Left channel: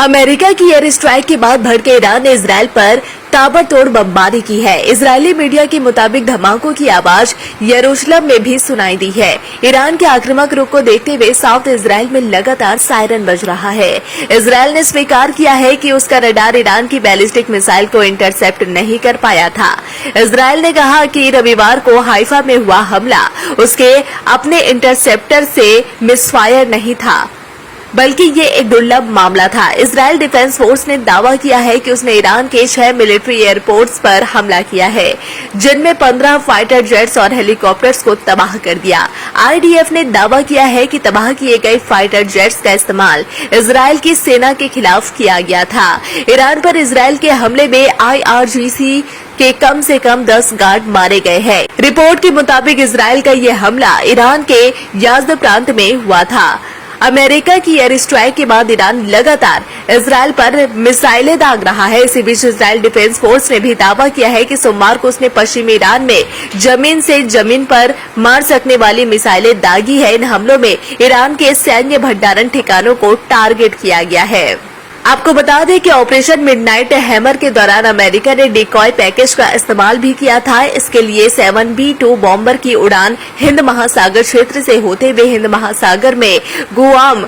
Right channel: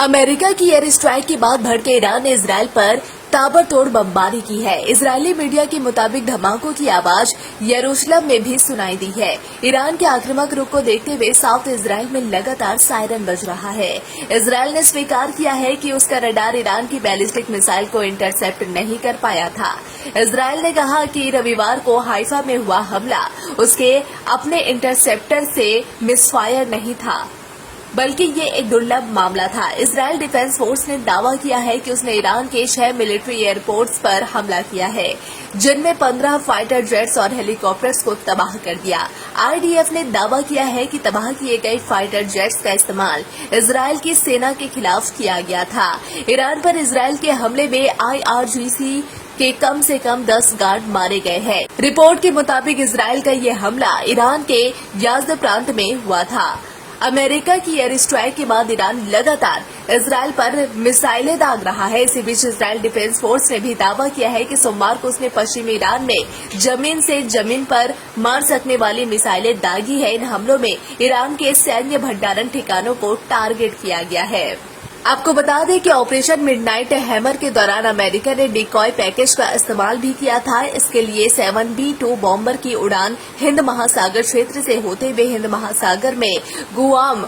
America की air strike के बाद भड़के ईरान ने इजरायल पर ताबड़तोड़ बमबारी की है। इजरायली मीडिया के मुताबिक धमाकों की आवाज यरूशलेम में भी सुनाई दी है। ईरान के आक्रामक रुख को देखते हुए साउथ इजरायल में लगातार सायरन बज रहा है। इजरायल ने स्वीकार किया है कि उसका रडार ईरान की बैलिस्टिक मिसाइल को इंटरसेप्ट नहीं कर पाया था। इजरायल ने कहा कि रविवार को हाइफा में हुआ हमला उसके अपने इंटरसेप्टर से मिसफायर नहीं था, बल्कि ये एक दुर्लभ मामला था। इजरायल डिफेंस फोर्स ने दावा किया है कि उसने ईरान के 6 मिलिट्री एयरपोर्ट्स पर हमला किया है, जिनमें 15 फाइटर जेट्स और हेलीकॉप्टर्स को तबाह कर दिया। आईडीएफ ने दावा किया है कि तबाह किए गए फाइटर जेट्स का इस्तेमाल इजरायल की सेना के खिलाफ किया गया था। ईरान पर इजरायल के हमले में IRGC के कम से कम 10 गार्ड मारे गए हैं। रिपोर्ट के मुताबिक इजरायल का ये हमला ईरान के याज़्द प्रांत में हुआ था। अमेरिका की एयर स्ट्राइक के बाद ईरान लगातार इजरायल पर मिसाइलें दाग रहा है। इसी बीच इजरायल डिफेंस फोर्स ने भी दावा किया है कि सोमवार को उसने पश्चिमी ईरान में जमीन से जमीन पर मार सकने वाली मिसाइलें दागी है। इन हमलों में ईरान के सैन्य भंडारण ठिकानों को टारगेट किया गया है। आपको बता दें कि ऑपरेशन मिडनाइट हैमर के दौरान अमेरिका ने डिकॉय पैकेज का इस्तेमाल भी किया था। इसके लिए 7B-2 बॉम्बर की उड़ान हिंद महासागर क्षेत्र से होते हुए हिंद महासागर में गुआम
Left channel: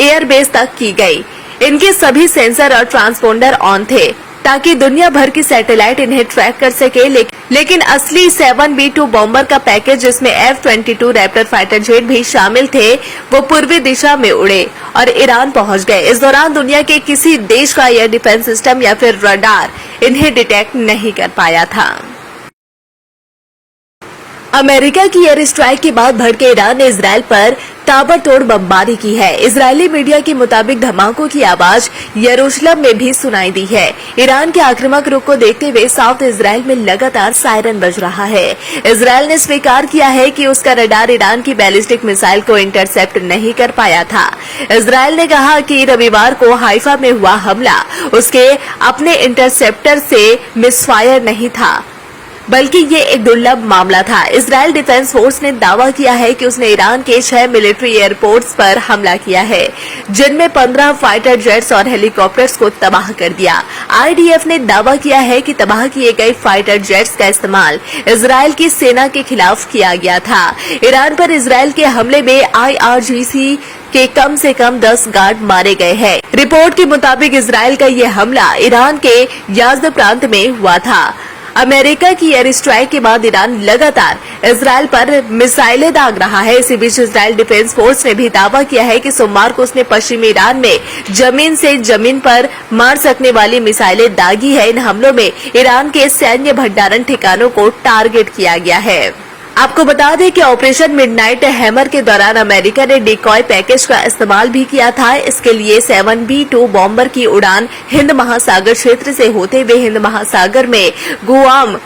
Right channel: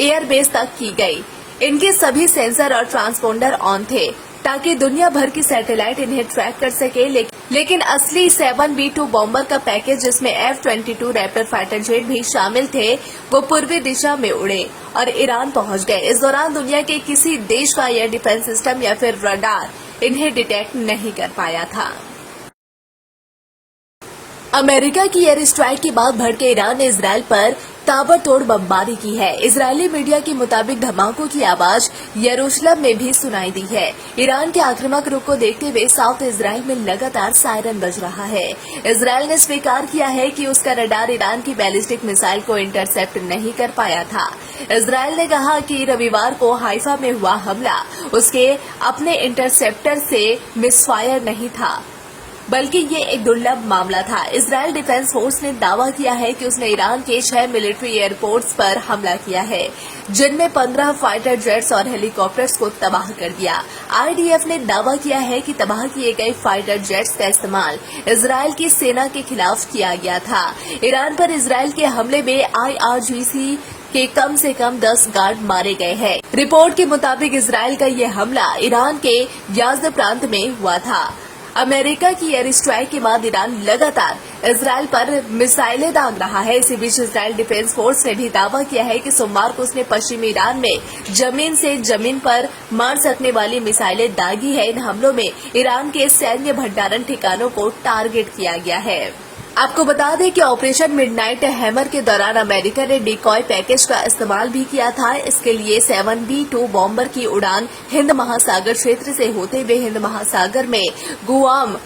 एयरबेस तक की गई। इनके सभी सेंसर और ट्रांसपोंडर ऑन थे ताकि दुनिया भर की सैटेलाइट इन्हें ट्रैक कर सके। लेकिन असली 7B-2 बॉम्बर का पैकेज, जिसमें F-22 रैप्टर फाइटर जेट भी शामिल थे, वो पूर्वी दिशा में उड़े और ईरान पहुंच गए। इस दौरान दुनिया के किसी देश का एयर डिफेंस सिस्टम या फिर रडार इन्हें डिटेक्ट नहीं कर पाया था। अमेरिका की एयर स्ट्राइक के बाद भड़के ईरान ने इजरायल पर ताबड़तोड़ बमबारी की है। इजरायली मीडिया के मुताबिक धमाकों की आवाज यरूशलेम में भी सुनाई दी है। ईरान के आक्रामक रुख को देखते हुए साउथ इजरायल में लगातार सायरन बज रहा है। इजरायल ने स्वीकार किया है कि उसका रडार ईरान की बैलिस्टिक मिसाइल को इंटरसेप्ट नहीं कर पाया था। इजरायल ने कहा कि रविवार को हाइफा में हुआ हमला उसके अपने इंटरसेप्टर से मिसफायर नहीं था, बल्कि ये एक दुर्लभ मामला था। इजरायल डिफेंस फोर्स ने दावा किया है कि उसने ईरान के 6 मिलिट्री एयरपोर्ट्स पर हमला किया है, जिनमें 15 फाइटर जेट्स और हेलीकॉप्टर्स को तबाह कर दिया। आईडीएफ ने दावा किया है कि तबाह किए गए फाइटर जेट्स का इस्तेमाल इजरायल की सेना के खिलाफ किया गया था। ईरान पर इजरायल के हमले में IRGC के कम से कम 10 गार्ड मारे गए हैं। रिपोर्ट के मुताबिक इजरायल का ये हमला ईरान के याज़्द प्रांत में हुआ था। अमेरिका की एयर स्ट्राइक के बाद ईरान लगातार इजरायल पर मिसाइलें दाग रहा है। इसी बीच इजरायल डिफेंस फोर्स ने भी दावा किया है कि सोमवार को उसने पश्चिमी ईरान में जमीन से जमीन पर मार सकने वाली मिसाइलें दागी है। इन हमलों में ईरान के सैन्य भंडारण ठिकानों को टारगेट किया गया है। आपको बता दें कि ऑपरेशन मिडनाइट हैमर के दौरान अमेरिका ने डिकॉय पैकेज का इस्तेमाल भी किया था। इसके लिए 7B-2 बॉम्बर की उड़ान हिंद महासागर क्षेत्र से होते हुए हिंद महासागर में गुआम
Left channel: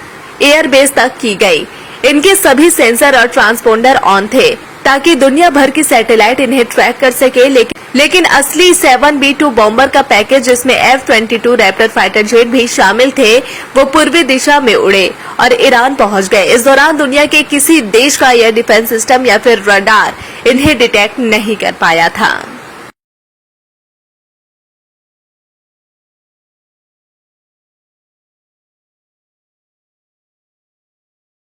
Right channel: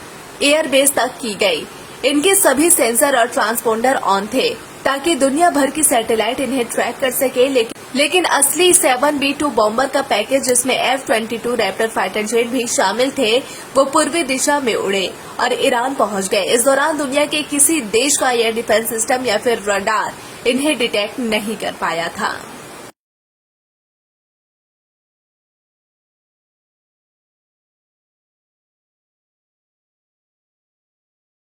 एयरबेस तक की गई। इनके सभी सेंसर और ट्रांसपोंडर ऑन थे ताकि दुनिया भर की सैटेलाइट इन्हें ट्रैक कर सके। लेकिन असली 7B-2 बॉम्बर का पैकेज, जिसमें F-22 रैप्टर फाइटर जेट भी शामिल थे, वो पूर्वी दिशा में उड़े और ईरान पहुंच गए। इस दौरान दुनिया के किसी देश का एयर डिफेंस सिस्टम या फिर रडार इन्हें डिटेक्ट नहीं कर पाया था।